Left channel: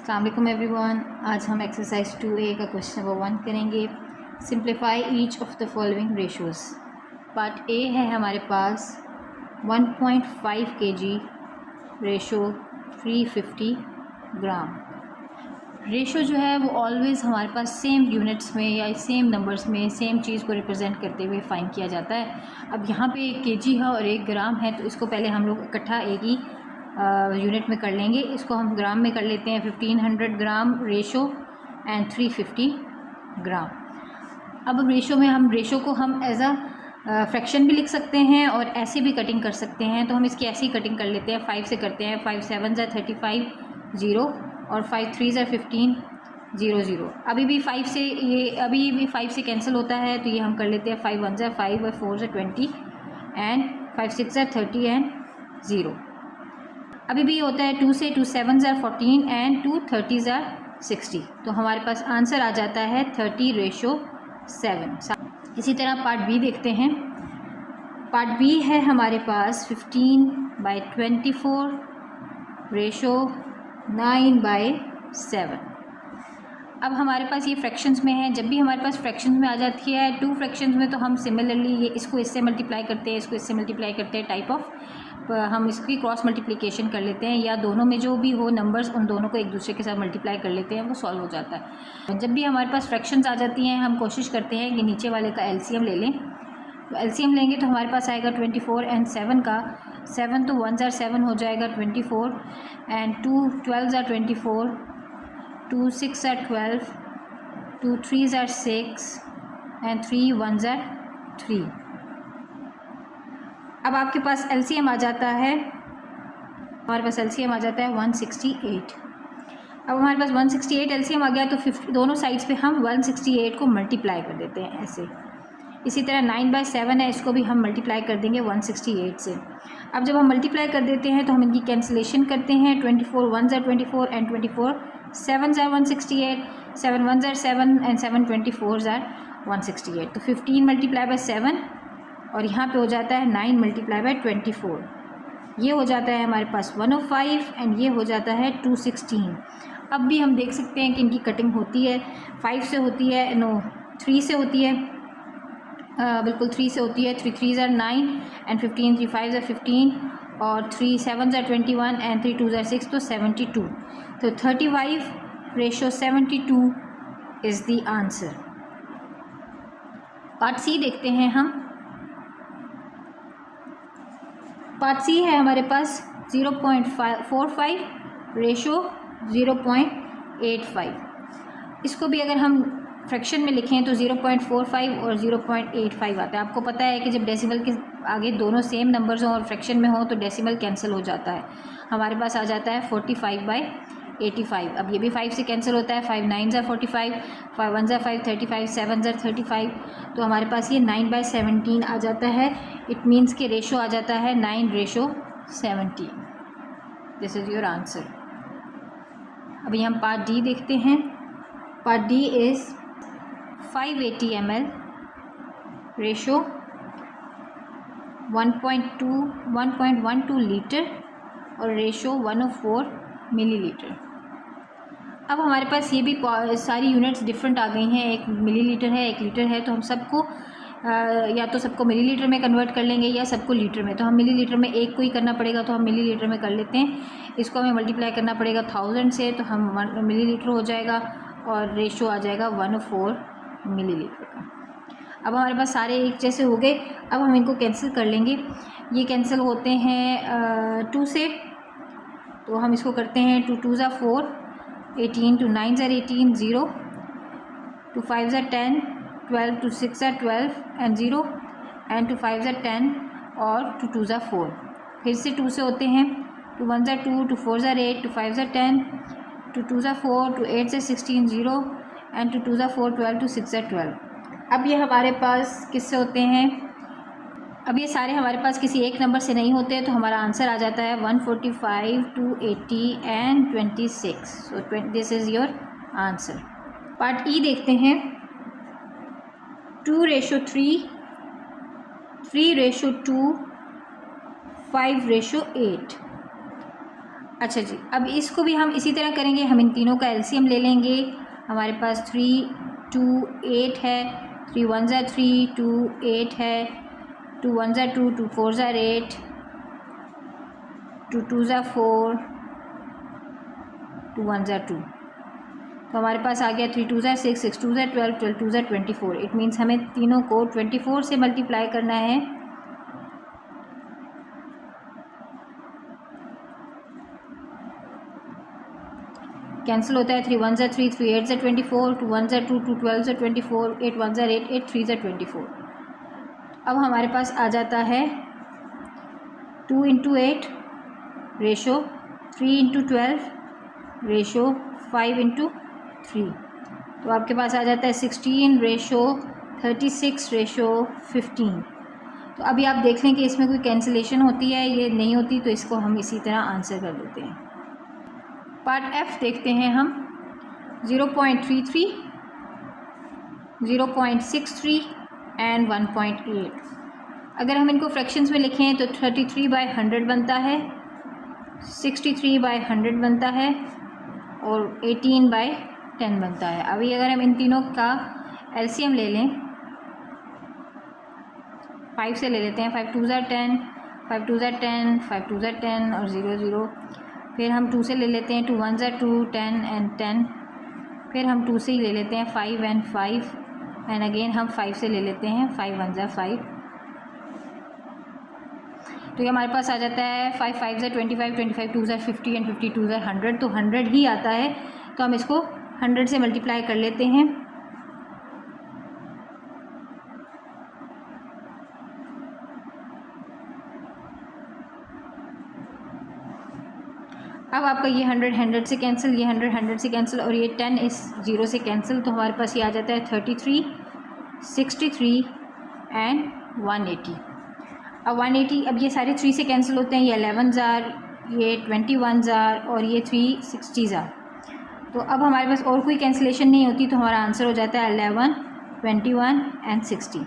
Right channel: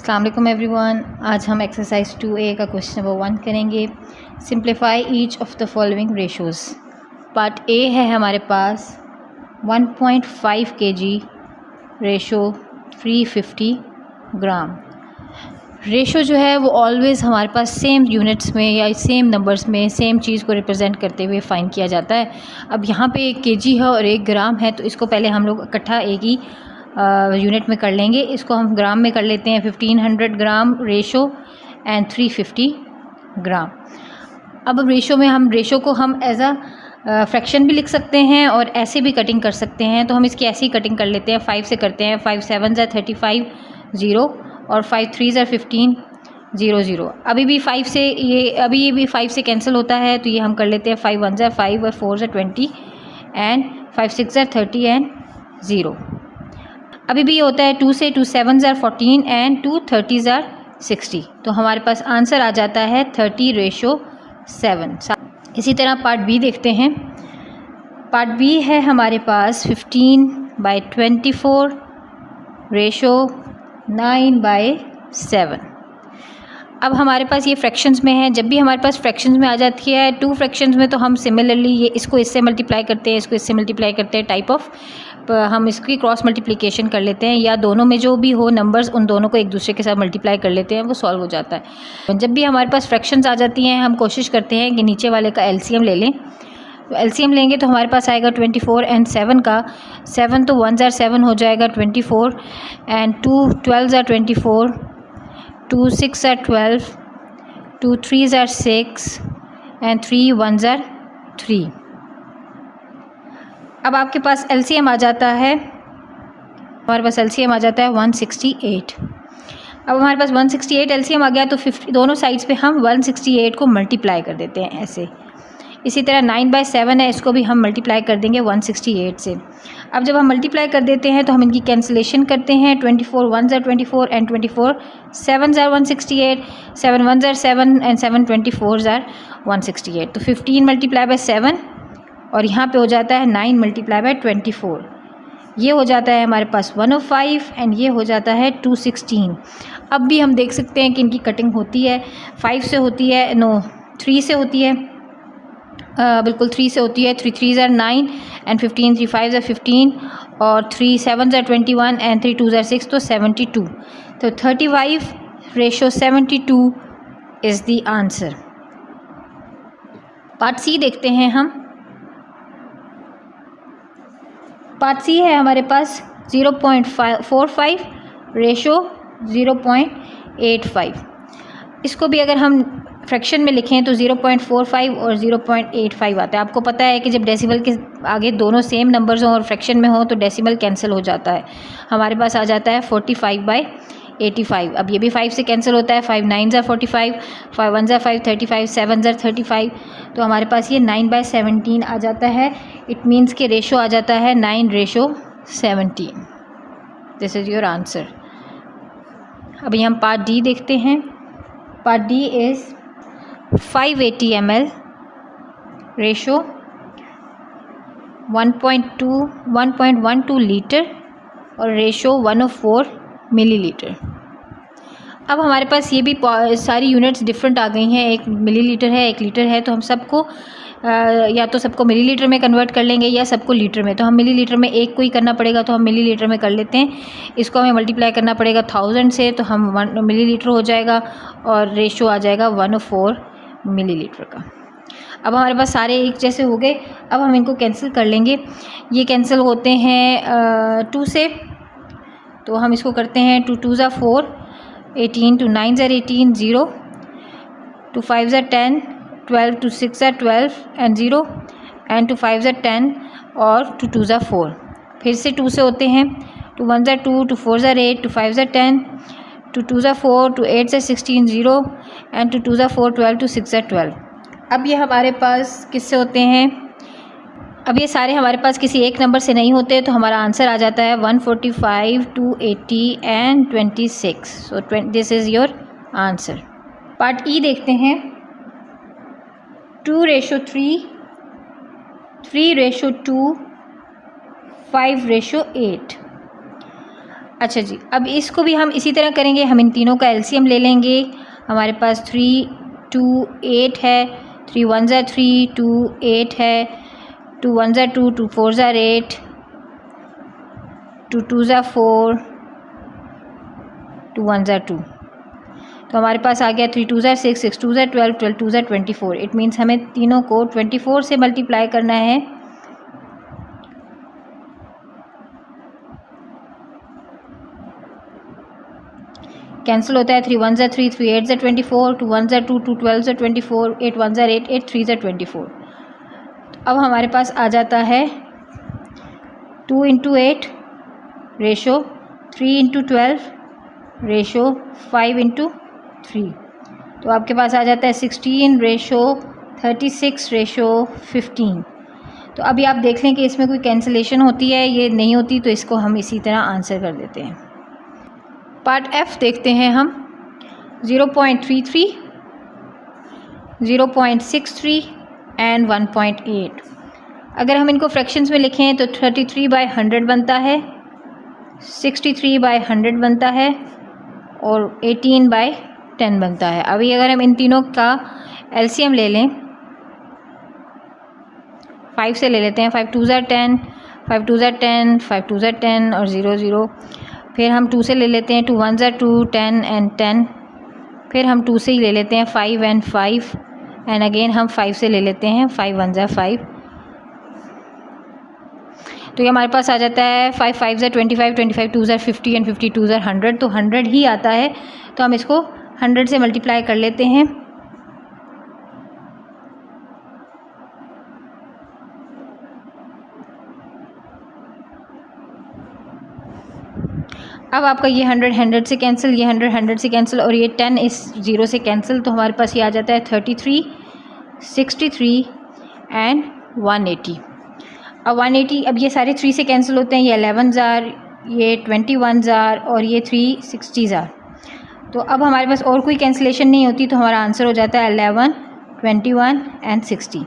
अस्सलाम वालेकुम एवरीवन। आज हम एक्सरसाइज 2A का क्वेश्चन नंबर 1 करेंगे। Simplify each of the following ratios. Part A है हमारे पास 1.5 kg रेशो 350 ग्राम। रेशो जो है वो ऑलवेज़ हमारे पास सेम यूनिट्स में या सेम नंबर्स में सेम चीज़ को रिप्रेजेंट करते हुए फाइन किया जाता है। अब यहाँ पे 1 kg है और 1 ग्राम है, तो इसको पहले हम लोग इकट्ठा एक ही यूनिट में कर लेंगे। इसको हम ग्राम में कर लेते हैं। 1500 ग्राम रेशो एंड 350 ग्राम। अब रेशो में हम रेशो को हम एज अ फ्रैक्शन भी लिख सकते हैं और ऐसे भी कटिंग कर सकते हैं। तो हम इसकी ऐसी कटिंग कर लेते हैं। 5 से करते हैं। 5 7 ज़ा 35 0 और 5 3 ज़ा 15 0 0। अभी भी 5 से ये भी 5 से कैंसिल होता है, तो ये हम कर लेते हैं। 5 1 ज़ा 5 और 4 ज़ा 20 एंड 5 6 ज़ा 30 एंड 0। अभी भी ये होता है 2 से 2 7 ज़ा 14 एंड 2 30 ज़ा 60। तो हमारे पास आंसर आ जाता है 30:7। इसी तरह पार्ट बी देखते हैं। पार्ट बी है हमारे पास 15/24 रेशो 9/7। अब हमारे पास ये फ्रैक्शंस में है। जब भी हमारे पास फ्रैक्शंस में आ जाती है 2 फ्रैक्शंस में, तो हम सिमिलरली ये इसको इससे मल्टीप्लाई करते हैं, इसको इससे मल्टीप्लाई करते हैं। टाइप ऑफ हम इसकी क्रॉस मल्टीप्लिकेशन कर लेते हैं, या दोनों में जो भी हो नंबर्स उन दोनों को एक दूसरे के साथ मल्टीप्लाई कर लेते हैं, वो सॉल्व हो जाता है। जब भी हमारे पास फ्रैक्शंस आ जाती हैं, हम कोशिश करते हैं कि नीचे वाले का एलसीएम ले लें। तो एलसीएम लेंगे तो हमारे पास आएगा 24 एंड 7 का। 7 तो 1 ज़ा 7 हो जाएगा 24 एंड 2 12 ज़ा 24, 2 6 ज़ा 12, 2 3 ज़ा 6 एंड 3 1 ज़ा 3। अब आपके पास एलसीएम आ जाता है, हमारे पास एलसीएम आ जाता है 168। अब हमारे पास 168 एलसीएम आ गया, तो 50 दोनों साइड्स पे हम 168 को मल्टीप्लाई कर देते हैं ऐसे। इसी तरह 9/7 है, इसको भी हम मल्टीप्लाई कर देंगे 168 से। अब जब हम मल्टीप्लाई कर देते हैं तो हम इनकी कैंसिलेशन करते हैं। 24 1 ज़ा 24 एंड 24 7 ज़ा 168, 7 1 ज़ा 7 एंड 7 24 ज़ा 168। तो 15 मल्टीप्लाई बाय 7 और यहाँ पे हो जाता है 9 मल्टीप्लाई बाय 24। ये हो जाता है हमारे पास 105 एंड ये हो जाता है 216। अब भी हम देख सकते हैं कि इनकी कटिंग होती है। 5 से होती है, नो 3 से होती है, बिल्कुल 3 से होती है। 3 3 ज़ा 9 एंड 15 3 5 ज़ा 15 और 3 7 ज़ा 21 एंड 3 2 ज़ा 6, तो 72। तो 35:72 is the answer. Part C देखते हैं हम। पार्ट सी है हमारे पास 0.45 रेशो 0.85। इसको भी अगर हम फ्रैक्शन में लिखें तो 0.45 और 0.85 आता है। आपको पता है कि जब डेसिमल के आगे दोनों सेम नंबर्स हों और फ्रैक्शन में हो तो डेसिमल कैंसिल हो जाता है। हमारे पास आ जाता है 45/85। अब ये भी 5 से कैंसिल होता है। 5 9 ज़ा 45, 5 1 ज़ा 5 35, 7 ज़ा 35। तो हमारे पास ये 9/17 आ जाता है। इट मीन्स के रेशो आ जाता है 9:17। This is your answer. अभी हम पार्ट डी देखते हैं। Part D is 580 ml ratio 1.12 litre और रेशो 104 मिलीलीटर। अब हमारे पास ये भी सारी यूनिट्स डिफरेंट आ गई हैं। एक मिलीलीटर है, 1 लीटर है, तो हम सबको या तो सबको मिलीलीटर में कन्वर्ट कर लेंगे या सबको लीटर में। तो हम मिलीलीटर में एक को ही करना पड़ेगा, तो हम मिलीलीटर में कर लेते हैं। इसको हमें मल्टीप्लाई करना पड़ेगा 1000 से, तो हम 1 मिलीलीटर हो जाएगा और रेशो आ जाएगा 104 मिलीलीटर का। अब हमारे पास सारे एक जैसे हो गए। अब हम इनको कैंसिल कर लेंगे। ये कैंसिल होते हैं 2 से, तो हम इसको करते हैं 2 2 ज़ा 4 18, 2 9 ज़ा 18 0, 2 5 ज़ा 10 12, 2 6 ज़ा 12 एंड 0 एंड 2 5 ज़ा 10 और 2 2 ज़ा 4। फिर से 2 से होते हैं। 2 1 ज़ा 2, 2 4 ज़ा 8, 2 5 ज़ा 10, 2 2 ज़ा 4, 2 8 ज़ा 16 0 एंड 2 2 ज़ा 4 12, 2 6 ज़ा 12। अब ये हमारे पास किससे होते हैं? अब ये सारे हमारे पास किसी एक नंबर से नहीं होते, तो हमारा आंसर आ जाता है 145 280 and 26। So this is your answer. Part E देखते हैं। 2:3, 3:2, 5:8। अच्छा जी, अब इसको भी हम इसी तरह करेंगे। हम इन तीनों का एलसीएम ले लेंगे। हमारे पास 3 2 8 है, 3 1 ज़ा 3, 2 8 है, 2 1 ज़ा 2, 2 4 ज़ा 8, 2 2 ज़ा 4, 2 1 ज़ा 2। तो हमारे पास आ गया 3 2 ज़ा 6, 6 2 ज़ा 12, 12 2 ज़ा 24। इट मीन्स हमें तीनों को 24 से मल्टीप्लाई करना है। कैंसिल होता है। 3 1 ज़ा 3, 3 8 ज़ा 24, 2 1 ज़ा 2, 2 12 ज़ा 24, 8 1 ज़ा 8, 8 3 ज़ा 24। अब हमारे पास आ जाता है 2 into 8 ratio 3 into 12 ratio 5 into 3। तो आपके पास आ जाता है 16 रेशो 36 रेशो 15। तो अभी आप देख लें कि इसमें कोई कैंसिलेशन होती है, ये नहीं होती, तो इसको हम इसी तरह आंसर कर देते हैं। पार्ट एफ देखते हैं हम। 0.33, 0.63 एंड 1.8। अगर हम इनको फ्रैक्शंस में लिखें तो 33/100 बनता है, 63/100 बनता है और 18/10 बनता है। अभी अगर हम इन तीनों का एलसीएम ले लें, 5 से ले लेते हैं। 5 2 ज़ा 10, 5 2 ज़ा 10, 5 2 ज़ा 10 और 0 0। फिर हम 2 से ले लेते हैं। 2 1 ज़ा 2, 10 एंड 10। फिर हम 2 से ही ले लेते हैं 5 एंड 5 एंड अगेन हम 5 से ले लेते हैं। 5 1 ज़ा 5। तो ये हमारे पास आ जाता है 5 5 ज़ा 25, 25 2 ज़ा 50 एंड 50 2 ज़ा 100। तो 100 ही आता है, तो हम इसको 100 से मल्टीप्लाई कर लेते हैं। अब आपका ये 100 100 से कैंसिल, ये 100 100 से कैंसिल और ये 10 इस 0 से कैंसिल। तो हमारे पास ये आ जाता है 33, 63 एंड 180। अब 180, अब ये सारे 3 से कैंसिल होते हैं। ये 11 ज़ार, ये 21 ज़ार और ये 360 ज़ार। तो अब हमारे पास और कोई कैंसिलेशन नहीं होती, तो हमारा आंसर हो जाता है 11, 21 एंड 60।